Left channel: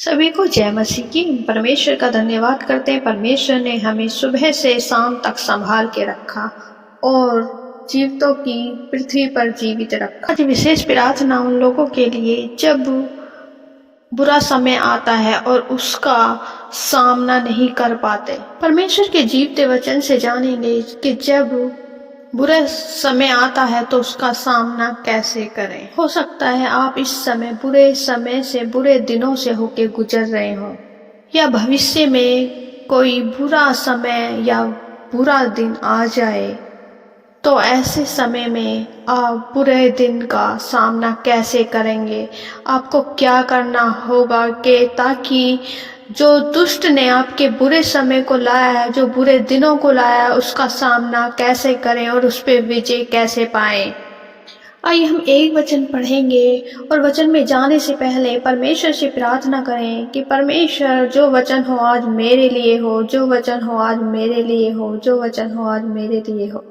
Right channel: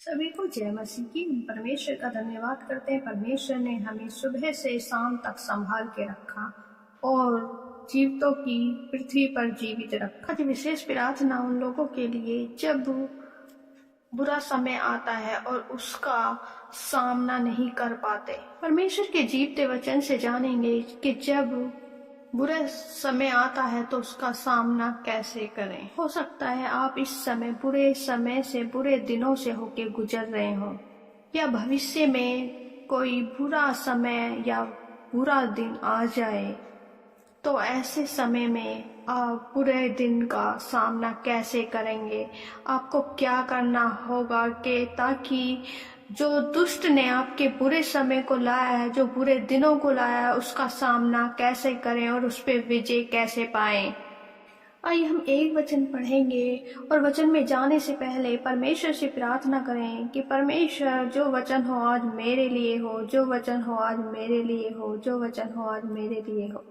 सभी को जय मसीह की। परमेश्वर का धन्यवाद करते हैं। परमेश्वर ने हमें सुबह से शाम तक संभाल के रखा और जीवितों की पृथ्वी पर जीवित रखा। आज विशेष प्रार्थना उन लोगों के लिए जब बुरा समय आता है और उसका सामना नहीं कर पाते। परमेश्वर के जीवते वचन से जानेंगे कि जब बुरा समय आता है तो उसका सामना कैसे करें। हो सकता है आप इस समय बुरे समय से, बुरे दिनों से होके गुजर रहे हो, या भविष्य में कोई बुरा समय या बुरा दिन आ जाए, तो ऐसे समय में आप बुरे दिन का सामना कैसे करेंगे। आपको क्या करना होगा कि ताकि जो दुष्ट ने आपके बुरे समय को लाया है, जो बुरे दिनों को लाया है, उसका सामना कैसे करें और उस पर विजय कैसे पाएं। आइए हम एक वचन पढ़ेंगे और वचन में जाने से पहले परमेश्वर से प्रार्थना करें कि परमेश्वर जो वचन हो आज मेरे लिए हो, जो वचन हो आज मेरे लिए हो, जो वचन हो आज मेरे लिए हो।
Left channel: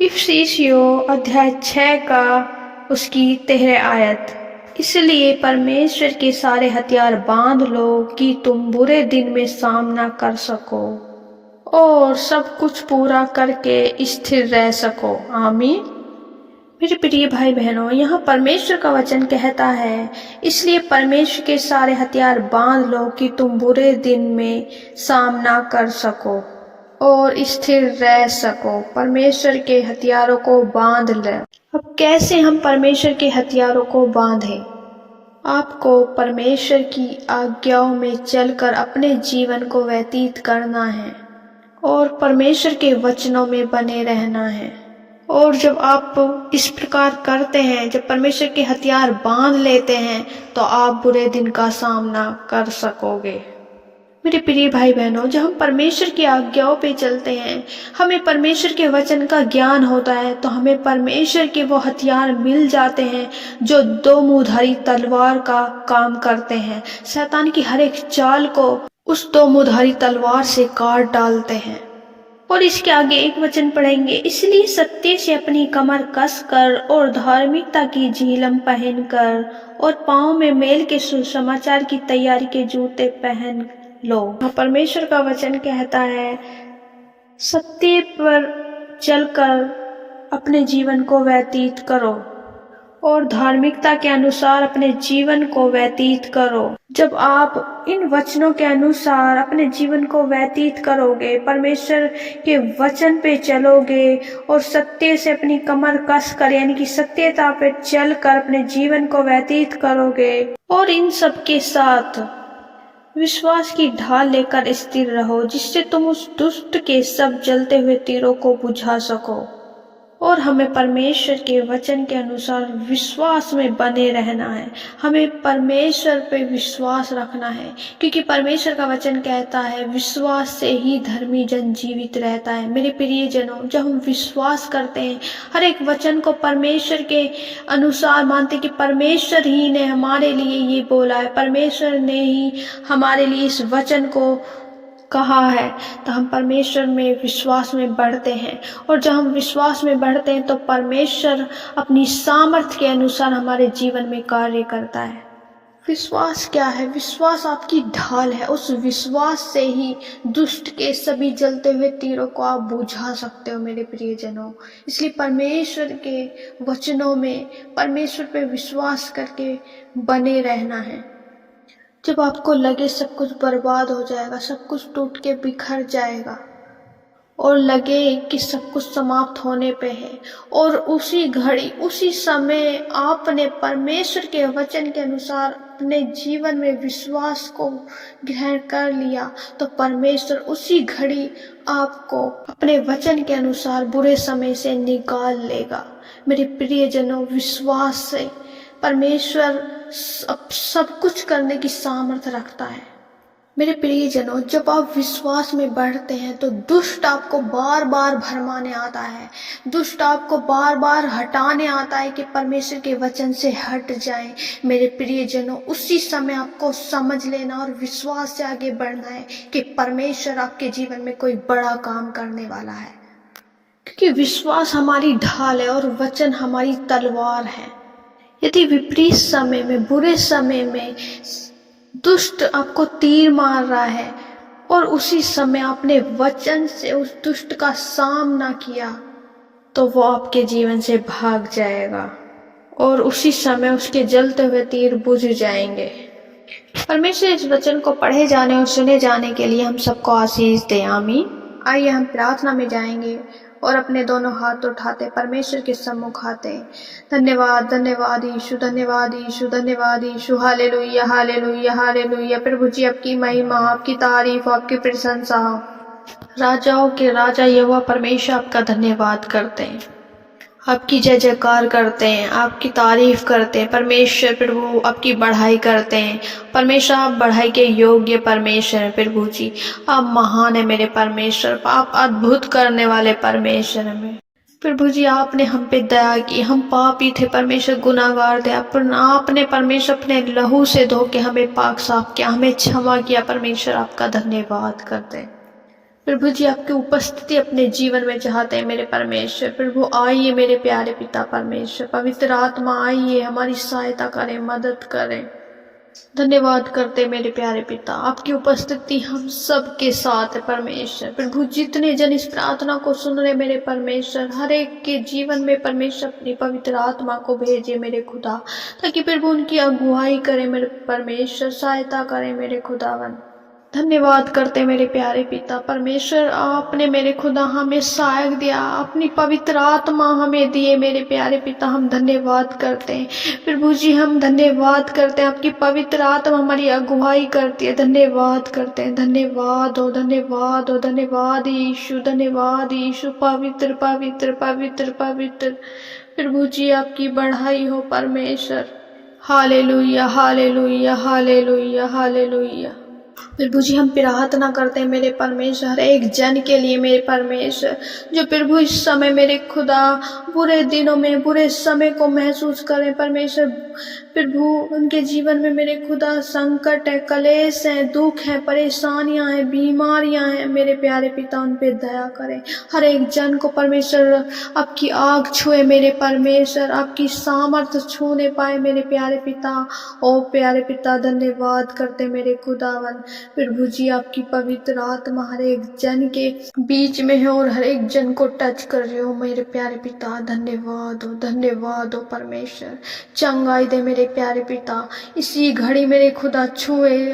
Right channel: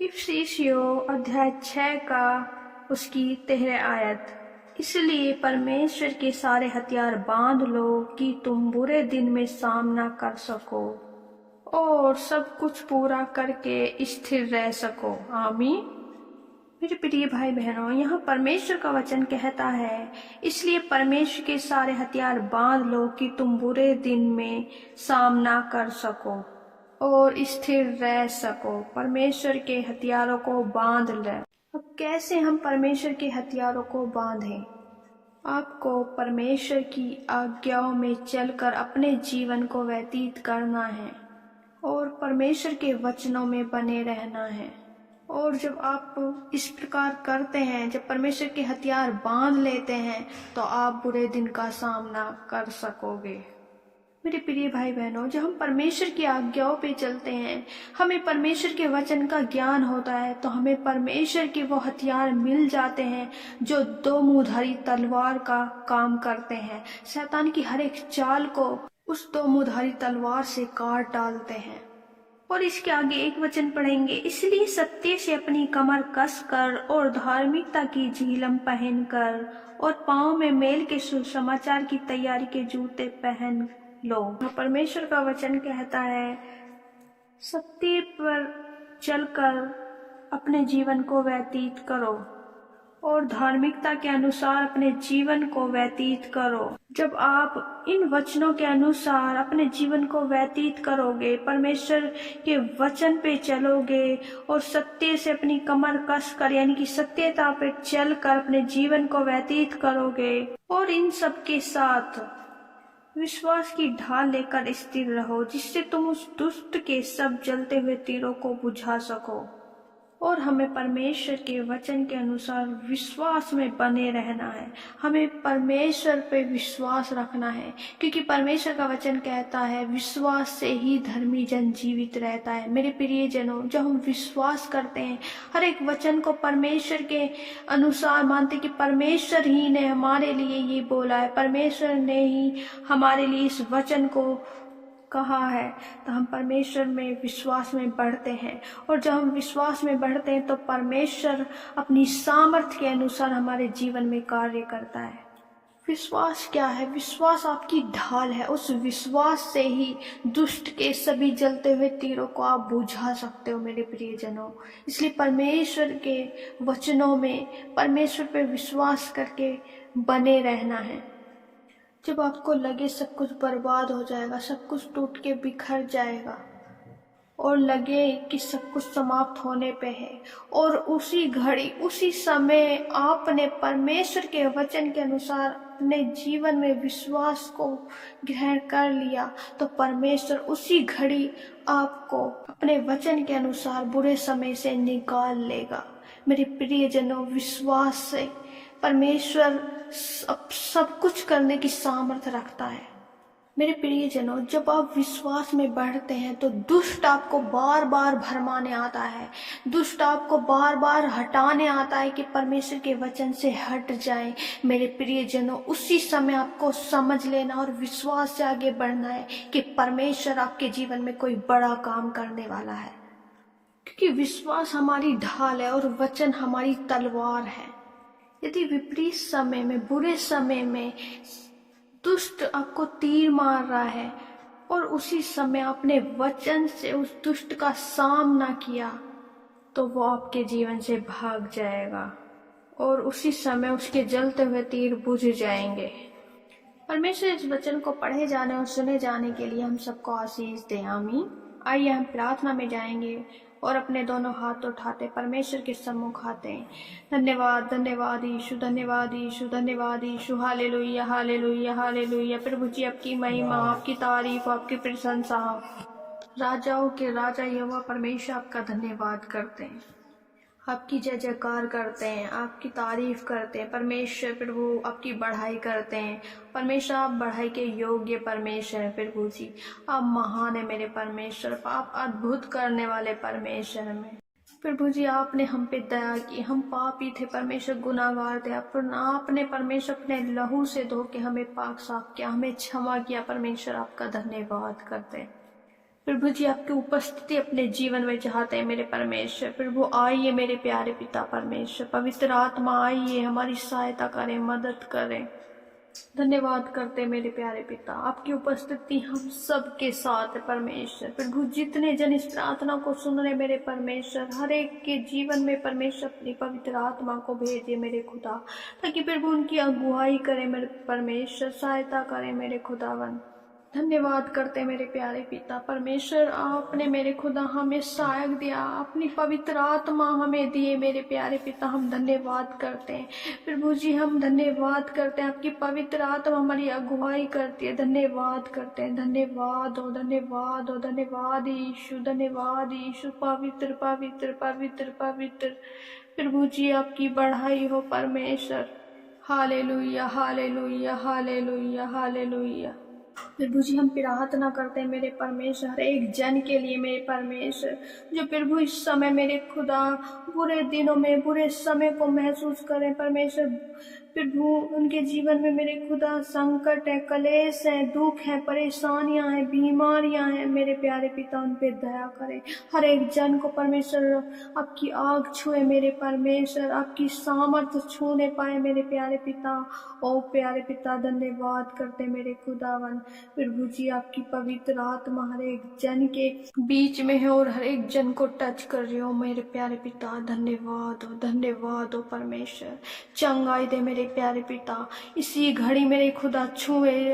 इफिसियों अध्याय 6 का उसकी 13 आयत। इसलिए परमेश्वर के सारे हथियार बांध लो कि तुम बुरे दिन में सामना कर सको और सब कुछ पूरा करके स्थिर रह सको। आमीन। मेरे प्रिय भाई बहनों, यहाँ परमेश्वर का वचन कहता है, इसलिए परमेश्वर के सारे हथियार बांध लो कि तुम बुरे दिन में सामना कर सको और स्थिर रह सको। परमेश्वर के हथियारों को बांध ले। अब कैसे हम परमेश्वर के हथियारों को बांधें? आपको परमेश्वर की आज्ञाओं में चलकर अपने जीवन को व्यतीत करना है और परमेश्वर के वचनों में बने रहना है। और जब आप इस प्रकार करते हैं, जब परमेश्वर के हथियार बांध लेते हैं, तो आप बुरे दिन का सामना कर सकोगे। मेरे प्रिय भाई बहनों, जब हम परमेश्वर की आज्ञाओं पे चलते हैं, हमें परमेश्वर के वचन का ज्ञान होता है, तो हमें परमेश्वर के वो हथियार मिल जाते हैं जो दो मुँहधारी तलवार का काम करते हैं। शैतान की हर एक चाल को उस दो मुँहधारी तलवार से काट डालते हैं। और इसके आगे एक वचन पढ़ेंगे, इसलिए सत्य से अपनी कमर कस कर और धार्मिकता की झिलम पहनकर और पाँव में मेल के सुसमाचार की तैयारी के जूते पहन लो। परमेश्वर का वचन कहता है, सत्य पर चलकर अपने जीवन को व्यतीत करो और धार्मिकता के अनुसार अपने जीवन को व्यतीत करो। जब आप इन वचनों के अनुसार अपने जीवन को व्यतीत करोगे, परमेश्वर के वचन पे चलोगे और सत्य से अपनी कमर कस कर, यानी कि सत्यता पे चलकर अपने जीवन को व्यतीत करोगे, और इन सब के साथ विश्वास की ढाल लेकर स्थिर रहो, जिससे तुम उस दुष्ट के सब जलते हुए तीरों को बुझा सको। और हमें परमेश्वर के वचन के अनुसार विश्वास में बने रहना है। हमें परमेश्वर पे विश्वास रखना है, क्योंकि परमेश्वर का वचन कहता है, विश्वास से ही धर्मी जन जीवित रहता है। मेरे प्रिय जनों, जब हम विश्वास करते हैं, हर एक वचन को परमेश्वर के अनुसार मानते कि परमेश्वर ही ने हमारे लिए ये बोला है, परमेश्वर ने ही हमारे लिए इस वचन को कहा है, तो हम परमेश्वर में विश्वास में बढ़ते हैं। और जब हम विश्वास में बढ़ते हैं तो परमेश्वर अपनी सामर्थ्य के अनुसार हमारे जीवन में कार्य करता है। विश्वास क्या है? विश्वास आपकी ढाल है। उस विश्वास से ही दुष्ट के सभी जलते हुए तीरों को आप बुझा सकते हो मेरे प्रियजनों। इसलिए परमेश्वर के वचनों में परमेश्वर पे विश्वास करके बने रहना है। जब आपको लगे सब कुछ बर्बाद हो जाएगा, सब कुछ टूट के बिखर जाएगा और लगे कि सब कुछ समाप्त होने पे है, और उसी घड़ी उसी समय आपने परमेश्वर के वचन के अनुसार अपने जीवन में विश्वास को ग्रहण कर लिया, तो परमेश्वर उसी घड़ी आपको अपने वचन के अनुसार बुरे समय से निकाल लेगा। मेरे प्रियजनों, विश्वास से परमेश्वर सब कुछ करने की सामर्थ्य रखता है। मेरे प्रियजनों, जब आप विश्वास में बढ़ते हैं तो दुष्ट आपको बार बार भरमाने आता है, दुष्ट आपको बार बार हटाने आता है कि परमेश्वर के वचन से हट जाएं। मेरे प्रियजनों, उसी समय आपको समझ लेना और विश्वास से आगे बढ़ना है कि परमेश्वर आपके जीवन में कोई बड़ा काम करने वाला है, क्योंकि विश्वास हमारी ढाल है और वचन हमारी तलवार है। यदि विपरीत समय में, बुरे समय में दुष्ट आपको तीर मार रहा है और उसी समय आपने वचन से उस दुष्ट का सामना किया, तो वो आपके जीवन से भाग जाएगा और उसी समय उसके जलते हुए तीर बुझ जाएंगे। परमेश्वर इस वचन को पढ़े जाने और सुने जाने के लिए हम सबको आशीष दे। आमीन। आइए हम प्रार्थना में जाएंगे और अपने दोनों हाथ उठाते परमेश्वर के सम्मुख आते हैं। धन्यवाद धन्यवाद यीशु, धन्यवाद यीशु, धन्यवाद यीशु। Hallelujah hallelujah hallelujah. प्रभु जी आपकी महिमा, आपकी तारीफ, आपकी प्रशंसा। राजाओं के राजा यहोवा परमेश्वर आपका धन्यवाद करते हैं, आपकी जय जयकार करते हैं, आपकी तारीफ करते हैं। परमेश्वर प्रभु आपकी बढ़ाई करते हैं। परमेश्वर आप बढ़ाई के योग्य परमेश्वर हैं। प्रभु जी आप महान है मेरे परमेश्वर, आप अद्भुत करने वाले परमेश्वर हैं। प्रभु जी आपने हम पे दया की, हम पापी थे परमेश्वर, गुनाहगार थे। आपने परमेश्वर अपने लहू से धो के हमें पाक साफ किया, हमें क्षमा किया। परमेश्वर आपका धन्यवाद करते हैं। प्रभु जी आपकी उपस्थिति अपने जीवन में चाहते हैं मेरे परमेश्वर। प्रभु आइए मेरे प्यारे पिता परमेश्वर, पवित्र आत्मा आइए हमारी सहायता करें, मदद करें। धन्यवाद करते मेरे प्यारे पिता, आपकी उपस्थिति हम सब के साथ है परमेश्वर। प्रभु जितने जन इस प्रार्थना को सुन रहे मेरे परमेश्वर, हर एक के जीवन में परमेश्वर अपनी पवित्र आत्मा को भेजे मेरे खुदा, ताकि प्रभु उनकी अगुवाई करे मेरे परमेश्वर, सहायता करे मेरे खुदावन। धन्यवाद करते मेरे प्यारे पिता परमेश्वर, आपने मेरे खुदा हमें सहायक दिया, अपनी पवित्र आत्मा हमें दिए मेरे प्यारे पिता। हम धन्यवाद करते हैं प्रभु जी, हम धन्यवाद करते हैं, आपकी पवित्र आत्मा हमारी अगुवाई करती है। धन्यवाद करते हैं, धन्यवाद हो धन्यवाद हो धन्यवाद यीशु, धन्यवाद यीशु। पवित्र पवित्र पवित्र पवित्र प्रभु जी आपकी बढ़ाई हो परमेश्वर। Hallelujah hallelujah hallelujah hallelujah. प्रभु जी हम प्रार्थना करते हैं मेरे परमेश्वर, हर एक जन के लिए मेरे परमेश्वर, जो प्रभु इस समय मेरे खुदा बुरे दिनों में, बुरे समय को महसूस करें परमेश्वर। प्रभु उनके जीवन में मेरे खुदा संकट है, कलेश है, दुख है, परेशानियां हैं, बीमारियां हैं मेरे प्यारे पिता, उन पे दया करें। हर एक जन को परमेश्वर आपकी आग छुए मेरे परमेश्वर, आपकी सामर्थ्य छूने पाए मेरे प्यारे पिता। ओ प्यारे पिता धन्यवाद करते मेरे खुदावन। प्रभु जी आपकी पवित्र आत्मा हर एक जन के बीच में है और हर एक जन को टच कर रहे हो मेरे प्यारे पिता। धन्यवाद हो परमेश्वर। चंगाई दे मेरे प्यारे पिता, इसी घड़ी मेरे खुदा छुए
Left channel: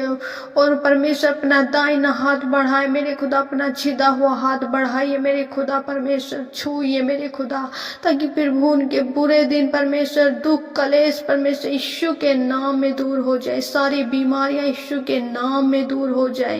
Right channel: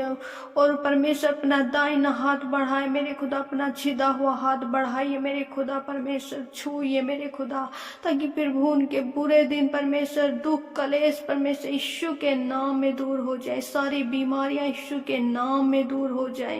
और परमेश्वर अपना दाहिना हाथ बढ़ाए मेरे खुदा, अपना छिदा हुआ हाथ बढ़ाइए मेरे खुदा परमेश्वर, छूइए मेरे खुदा, ताकि प्रभु उनके बुरे दिन परमेश्वर, दुख कलेश परमेश्वर यीशु के नाम में दूर हो जाए, सारी बीमारियां यीशु के नाम में दूर हो जाए।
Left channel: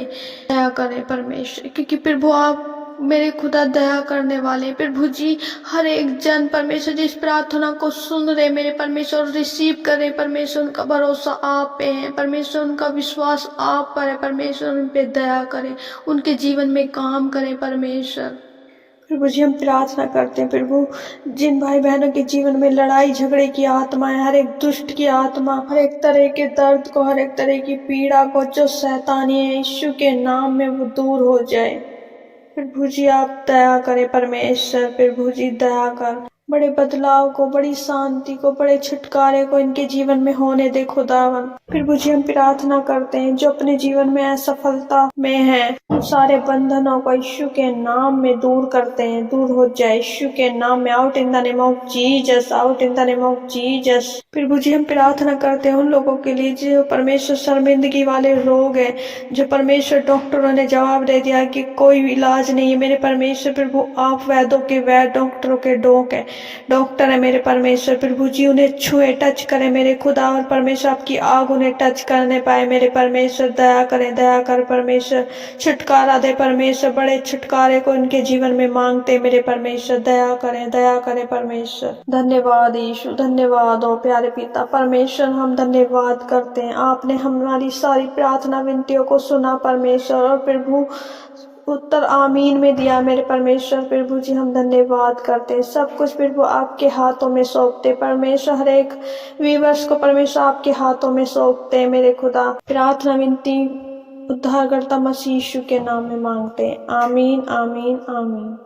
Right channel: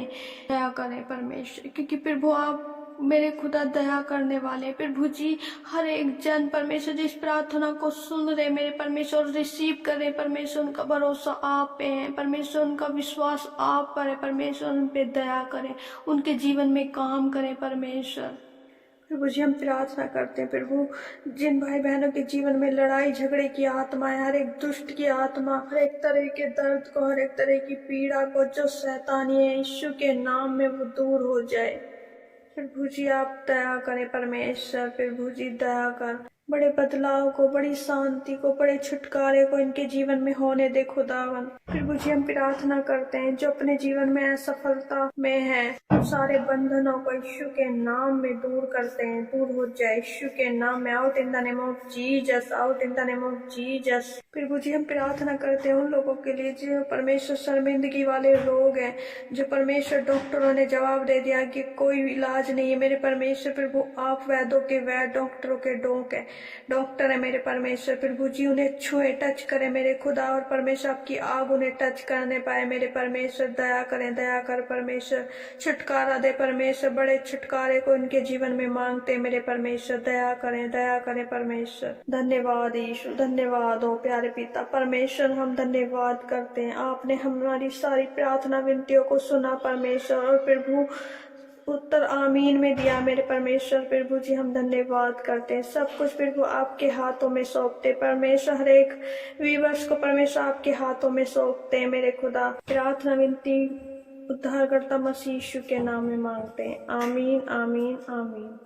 दया करें परमेश्वर, क्योंकि प्रभु आप मेरे खुदा दया करने वाले। प्रभु जी हर एक जन परमेश्वर जिस प्रार्थना को सुन रहे मेरे परमेश्वर, रिसीव करें परमेश्वर, उनका भरोसा आप पे है परमेश्वर, उनका विश्वास आप पर है परमेश्वर, उन पे दया करें, उनके जीवन में काम करें परमेश्वर। प्रभु जी हम प्रार्थना करते हैं प्रभु, जिन भाई बहनों के जीवन में लड़ाई झगड़े की आत्मा है, हर एक दुष्ट की आत्मा, हर एक तरह के दर्द को, हर एक तरह की पीड़ा को, जो शैतानी है यीशु के नाम में वो दूर हो जाए। प्रभु जी आप दया करें परमेश्वर, प्रभु जी दया कर, बड़े बदलाव को, बड़ी शांति को, बड़े छुटकारे को इनके जीवन में होने दे खुदावन। प्रभु जी हम प्रार्थना करते हैं जो अपने जीवन में असफलता में है, सारे बंधनों को यीशु के नाम में दूर करते हैं, दूर हो जाए यीशु के नाम में। Out in the name of Jesus, out in the name of Jesus. प्रभु जी हम प्रार्थना करते हैं उन लोगों के लिए जो परमेश्वर शर्मिंदगी वाले रोग है, जो परमेश्वर डॉक्टरों ने जवाब दे दिया कि कोई इलाज नहीं है मेरे परमेश्वर। प्रभु आप वैद्यों के वैद्य, डॉक्टरों के डॉक्टर है मेरे परमेश्वर। प्रभु जी उन्हें छुए, टच करें मेरे खुदा, और परमेश्वर आपकी आग उन्हें टच करने पाए मेरे परमेश्वर। दया करें, दया कर परमेश्वर, छुटकारा दे परमेश्वर, बड़े छुटकारे को उनके जीवन में मांगते मेरे परमेश्वर। दया करें परमेश्वर। धन्यवाद यीशु, धन्यवाद हो प्यारे पिता परमेश्वर, हम धन्यवाद करते हैं, आपने हमारी सारी प्रार्थना विनतियों को सुना परमेश्वर, और प्रभु उत्तर आमीन में दिया मेरे परमेश्वर। प्रभु जी हम धन्यवाद करते हैं, सब कुछ प्रभु आपके हाथों में सौंपते परमेश्वर, हर एक व्यूअर्स को परमेश्वर आपके हाथों में सौंपते हैं मेरे खुदा। प्रार्थना विनती उद्धारकर्ता मसीह यीशु के नाम में मांगते हैं, आमीन आमीन आमीन।